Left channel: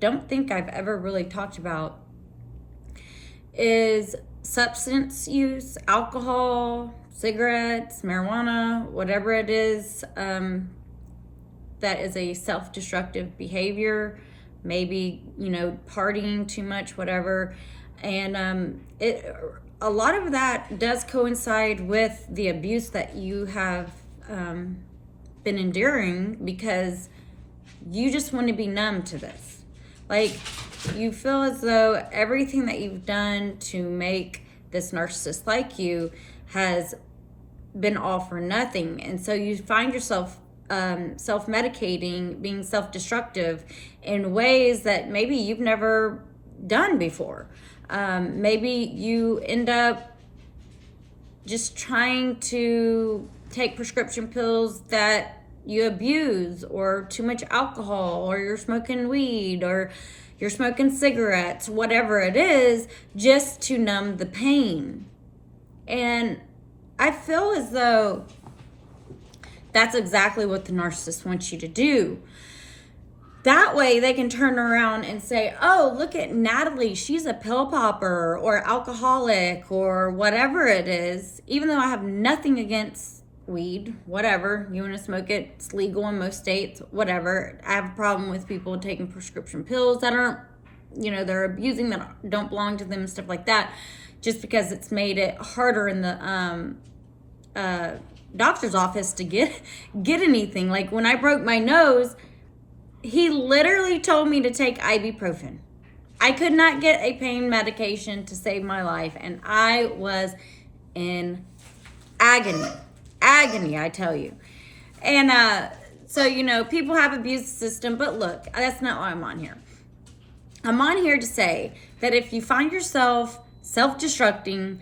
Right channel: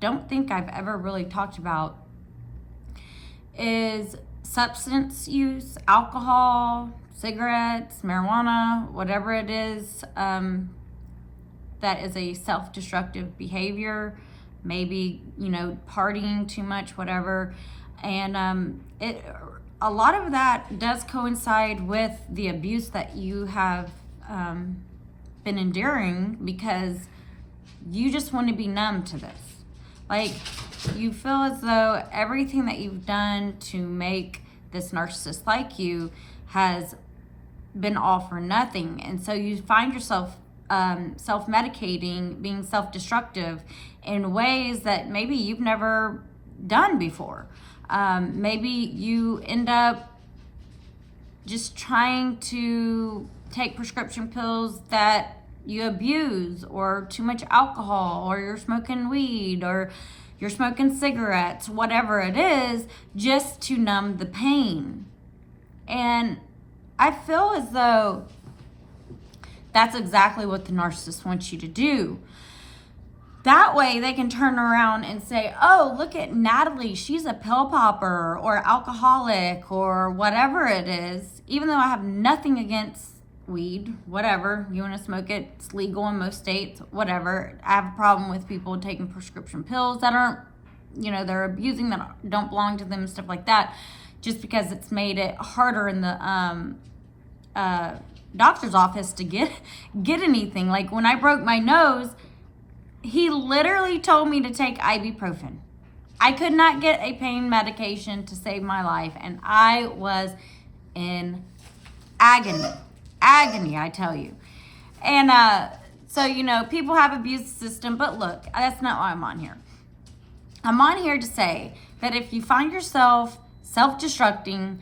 don't think I've ever really talked about is substance use, alcohol, cigarettes, marijuana, whatever it is, that is a self-destructive behavior. Maybe, partying too much, whatever. And a lot of that does coincide with the abuse that you have been enduring, because you just want to be numb to this. Like, you feel as though everything that you've done to make this narcissist like you has been all for nothing. And so you find yourself self-medicating, being self-destructive in ways that maybe you've never done before. Maybe you end up just trying to take prescription pills that you abuse, or too much alcohol, or you're smoking weed, or you're smoking cigarettes, whatever it is, just to numb the pain. And I feel as though that's exactly what the narcissist wants you to do. That way they can turn around and say, oh, look at Natalie, she's a pill popper or alcoholic or whatever it is. Even though I have nothing against weed, whatever, you want to smoke it, it's legal in most states, whatever. I have a problem with people taking prescription pills that aren't, they're abusing, that don't belong to them and stuff like that, just because it's made it harder in the doctor's office to get anything. Like, when I broke my nose, he literally told me to take ibuprofen. I could not get a pain medication to save my life, and I was in agony, I tell you. And so, people have abused the system, but look, that's not why I'm on here. I'm on here to say that if you find yourself self-destructing,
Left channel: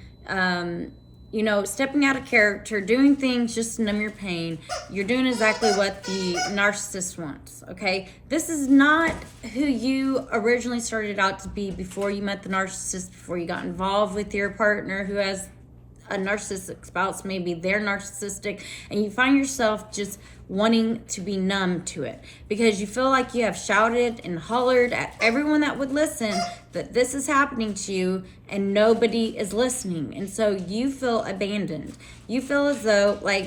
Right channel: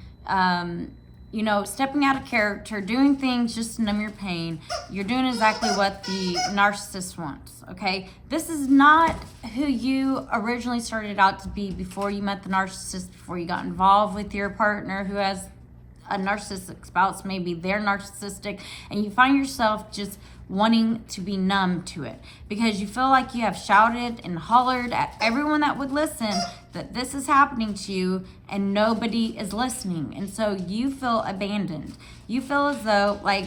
stepping out of character, doing things just to numb your pain, you're doing exactly what the narcissist wants, okay? This is not who you originally started out to be before you met the narcissist, before you got involved with your partner who has a narcissistic spouse, maybe they're narcissistic, and you find yourself just wanting to be numb to it because you feel like you have shouted and hollered at everyone that would listen that this is happening to you and nobody is listening. And so you feel abandoned. You feel as though, like,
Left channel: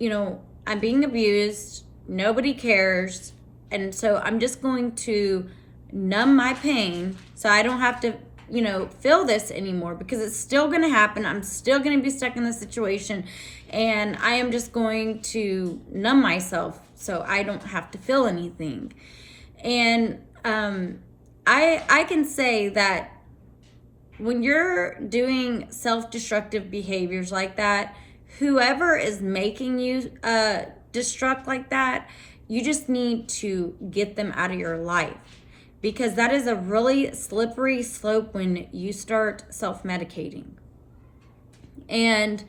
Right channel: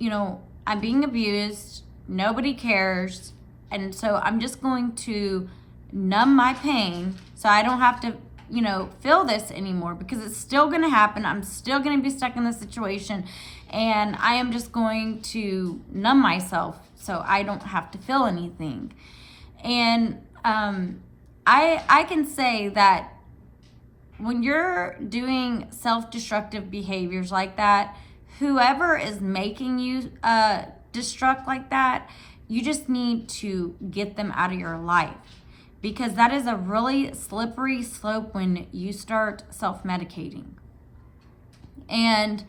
I'm being abused, nobody cares, and so I'm just going to numb my pain so I don't have to feel this anymore, because it's still going to happen. I'm still going to be stuck in this situation, and I am just going to numb myself so I don't have to feel anything. And I can say that when you're doing self-destructive behaviors like that, whoever is making you destruct like that, you just need to get them out of your life, because that is a really slippery slope when you start self-medicating. And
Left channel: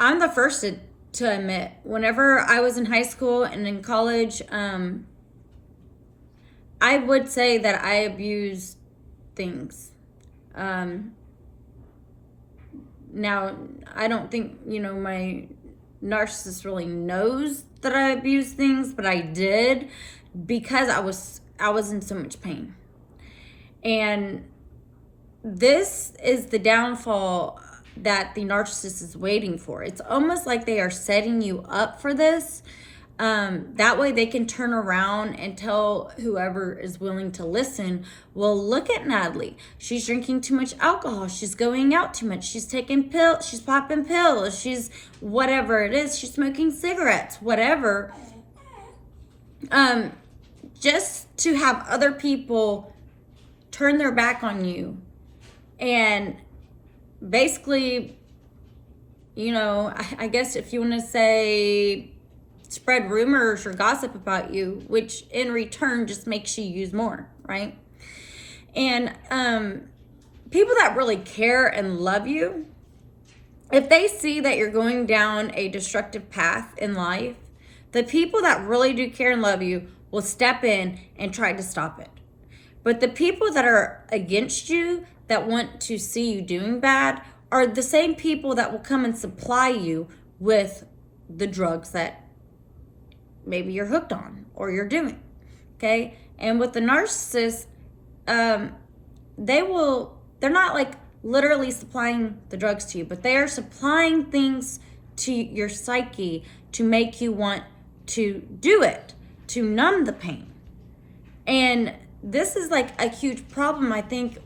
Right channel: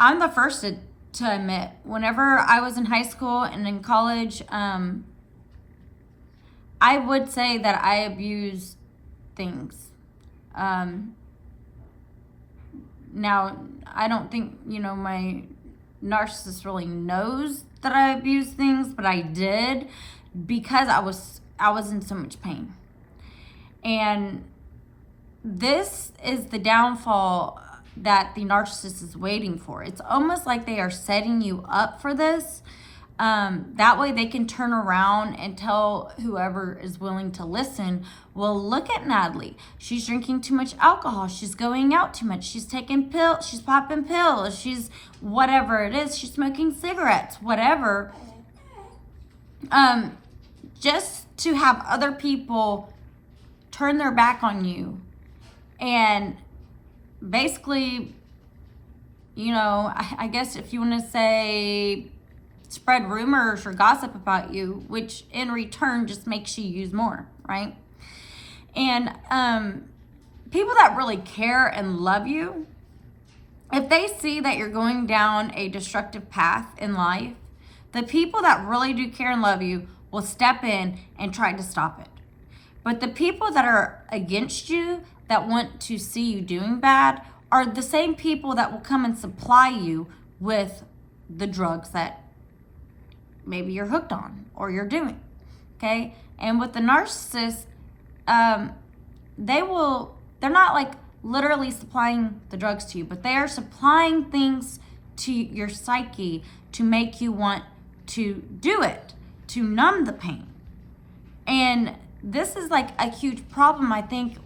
I'm the first to admit, whenever I was in high school and in college, I would say that I abused things. Now, I don't think, my narcissist really knows that I abused things, but I did, because I was in so much pain. And this is the downfall that the narcissist is waiting for. It's almost like they are setting you up for this. That way they can turn around and tell whoever is willing to listen, well, look at Natalie. She's drinking too much alcohol. She's going out too much. She's taking pills. She's popping pills. She's whatever it is. She's smoking cigarettes, whatever. Just to have other people turn their back on you and basically, I guess if you want to say spread rumors or gossip about you, which in return just makes you use more, right? And people that really care and love you, if they see that you're going down a destructive path in life, the people that really do care and love you will step in and try to stop it. But the people that are against you, that want to see you doing bad, are the same people that will come and supply you with the drugs that maybe you're hooked on or you're doing. Okay. And with the narcissist, they're not like literally supplying the drugs to you, but they are supplying things to your psyche to make you want to do it, to numb the pain. And this is like a huge problem, I think,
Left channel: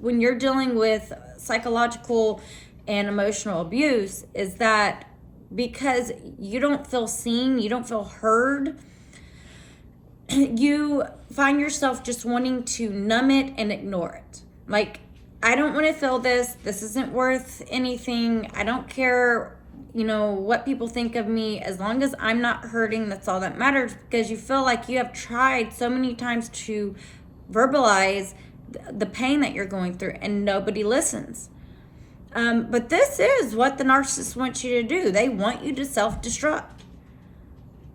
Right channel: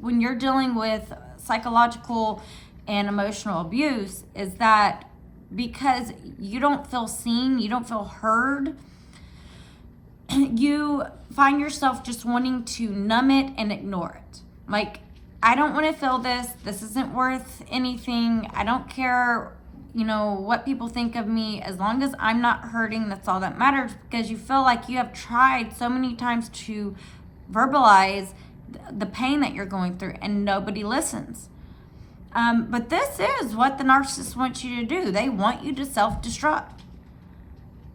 when you're dealing with psychological and emotional abuse, is that because you don't feel seen, you don't feel heard, you find yourself just wanting to numb it and ignore it. Like, I don't want to feel this. This isn't worth anything. I don't care, what people think of me. As long as I'm not hurting, that's all that matters, because you feel like you have tried so many times to verbalize the pain that you're going through and nobody listens. But this is what the narcissist wants you to do. They want you to self-destruct.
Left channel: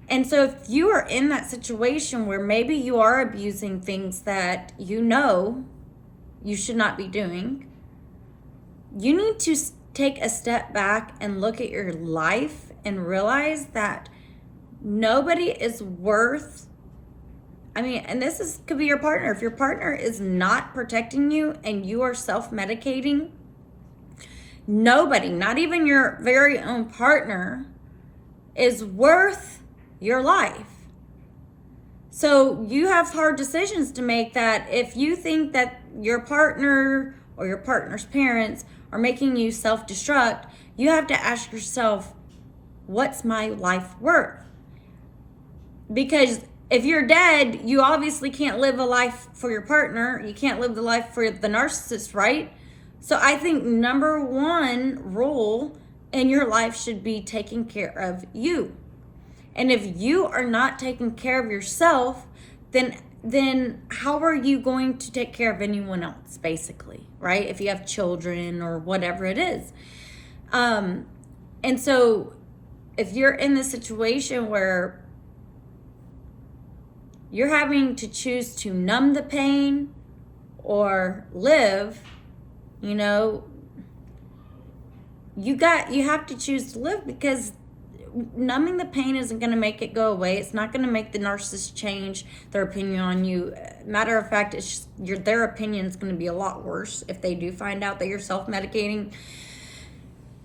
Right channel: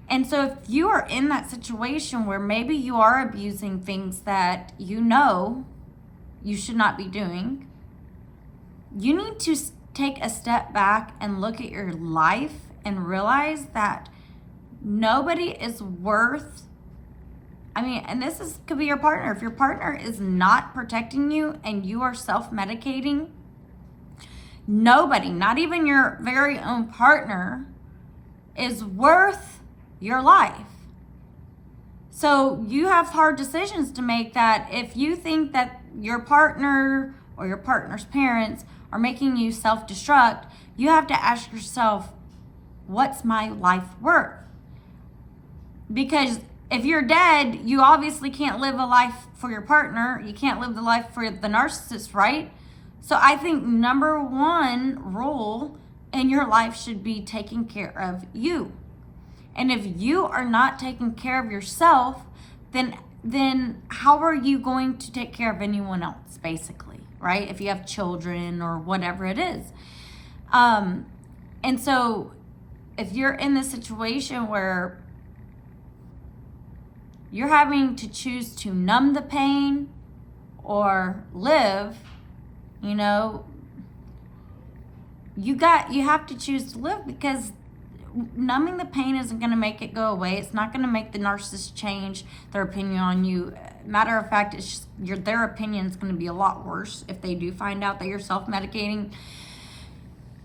And so if you are in that situation where maybe you are abusing things that you should not be doing, you need to take a step back and look at your life and realize that nobody is worth, and this could be your partner. If your partner is not protecting you and you are self-medicating, nobody, not even your very own partner, is worth your life. So you have hard decisions to make, that if you think that your partner or your partner's parents are making you self-destruct, you have to ask yourself, what's my life worth? Because if you're dead, you obviously can't live a life for your partner. You can't live the life for the narcissist, right? So I think number one rule in your life should be taking care of you. And if you are not taking care of yourself, then how are you going to take care of anyone else, basically, right? If you have children or whatever it is. And so if you're in this situation where you're having to choose to numb the pain or live, you have to choose to live, because numbing the pain isn't going to make it go away. It's not going to make the narcissist change their opinion on you. Matter of fact, it's just, their opinion is going to be a lot worse if they do find out that you're self-medicating.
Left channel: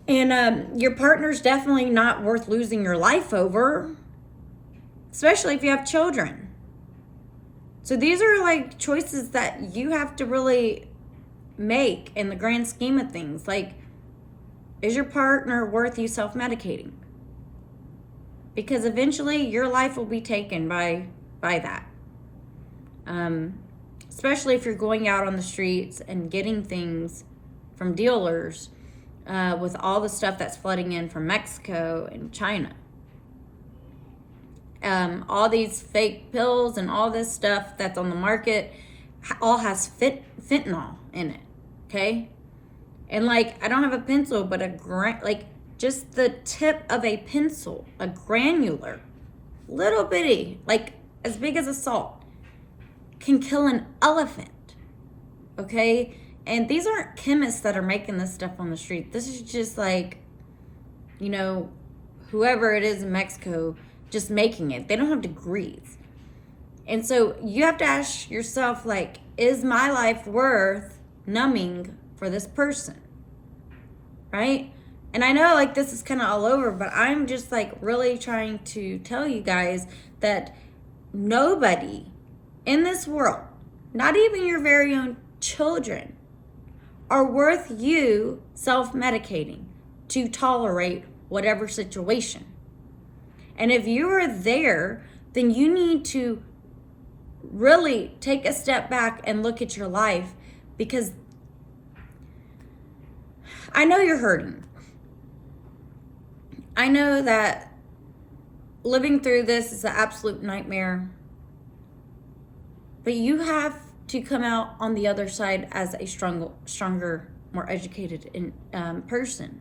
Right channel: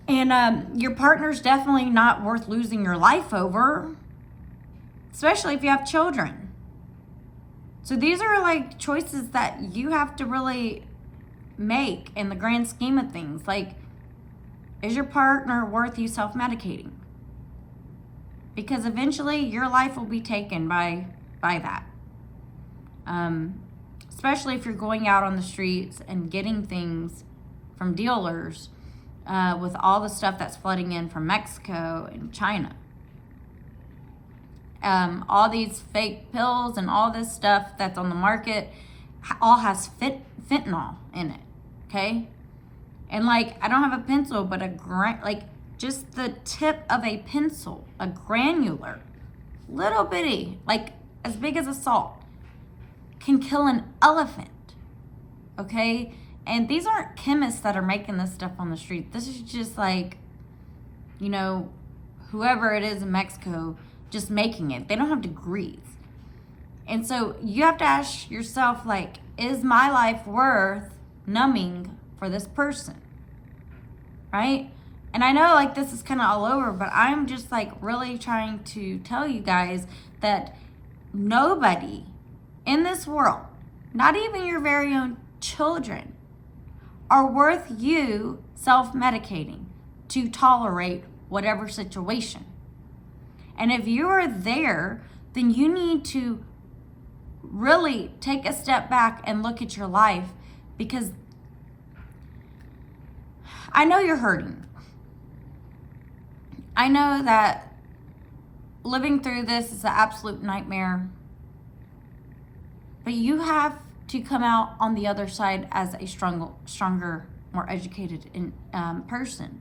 And your partner's definitely not worth losing your life over, especially if you have children. So these are like choices that you have to really make in the grand scheme of things. Like, is your partner worth you self-medicating? Because eventually your life will be taken by that. Especially if you're going out on the streets and getting things from dealers with all the stuff that's flooding in from Mexico and China. All these fake pills and all this stuff that's on the market all has fentanyl in it, okay? And like, I don't have a pencil, but just the tip of a pencil, a granular, little bitty, like as big as a salt, can kill an elephant, okay? And these aren't chemists that are making this stuff on the street. This is just like, whoever it is in Mexico just making it. They don't have degrees. And so you have to ask yourself, like, is my life worth numbing for this person, right? And I know like this is kind of all over, but I'm just like really trying to tell you guys that nobody in this world, not even your very own children, are worth you self-medicating to tolerate whatever situation. And if you are there, then you need to really take a step back and look at your life, because I know you're hurting. I know that living through this is an absolute nightmare, but you have to come out on the other side as a stronger, more educated person.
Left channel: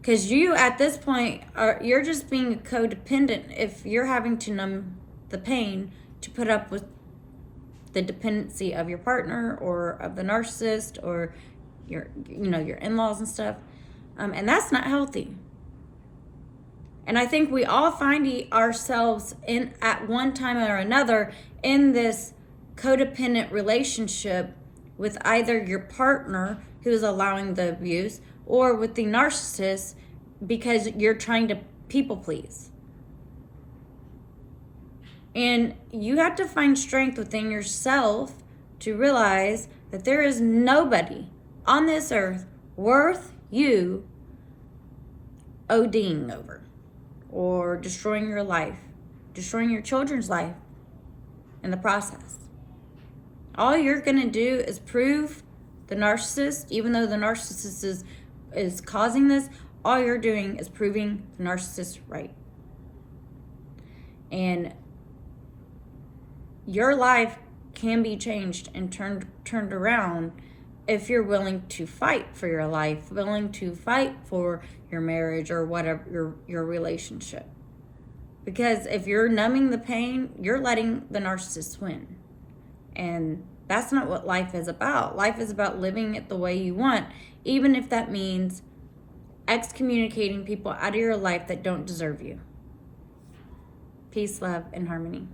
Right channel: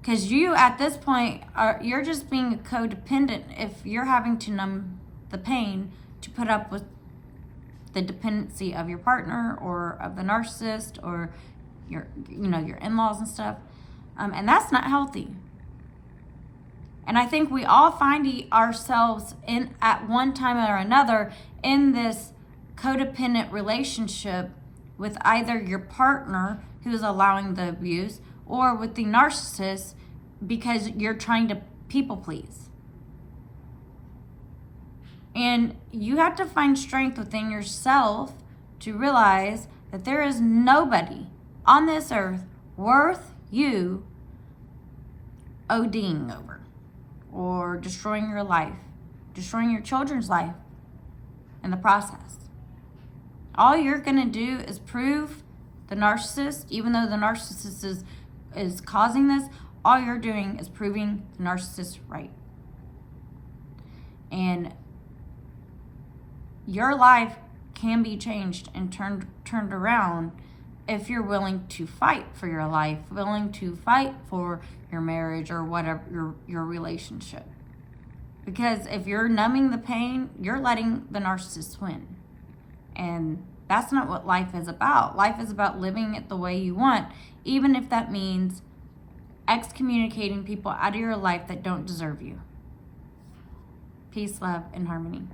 Because you, at this point, you're just being codependent if you're having to numb the pain to put up with the dependency of your partner or of the narcissist or your in-laws and stuff. And that's not healthy. And I think we all find ourselves in, at one time or another, in this codependent relationship with either your partner who is allowing the abuse or with the narcissist because you're trying to people please. And you have to find strength within yourself to realize that there is nobody on this earth worth you ODing over or destroying your life, destroying your children's life in the process. All you're going to do is prove the narcissist, even though the narcissist is causing this, all you're doing is proving the narcissist right. And your life can be changed and turned around if you're willing to fight for your life, willing to fight for your marriage or whatever, your relationship. Because if you're numbing the pain, you're letting the narcissist win. And that's not what life is about. Life is about living it the way you want, even if that means excommunicating people out of your life that don't deserve you. Peace, love, and harmony.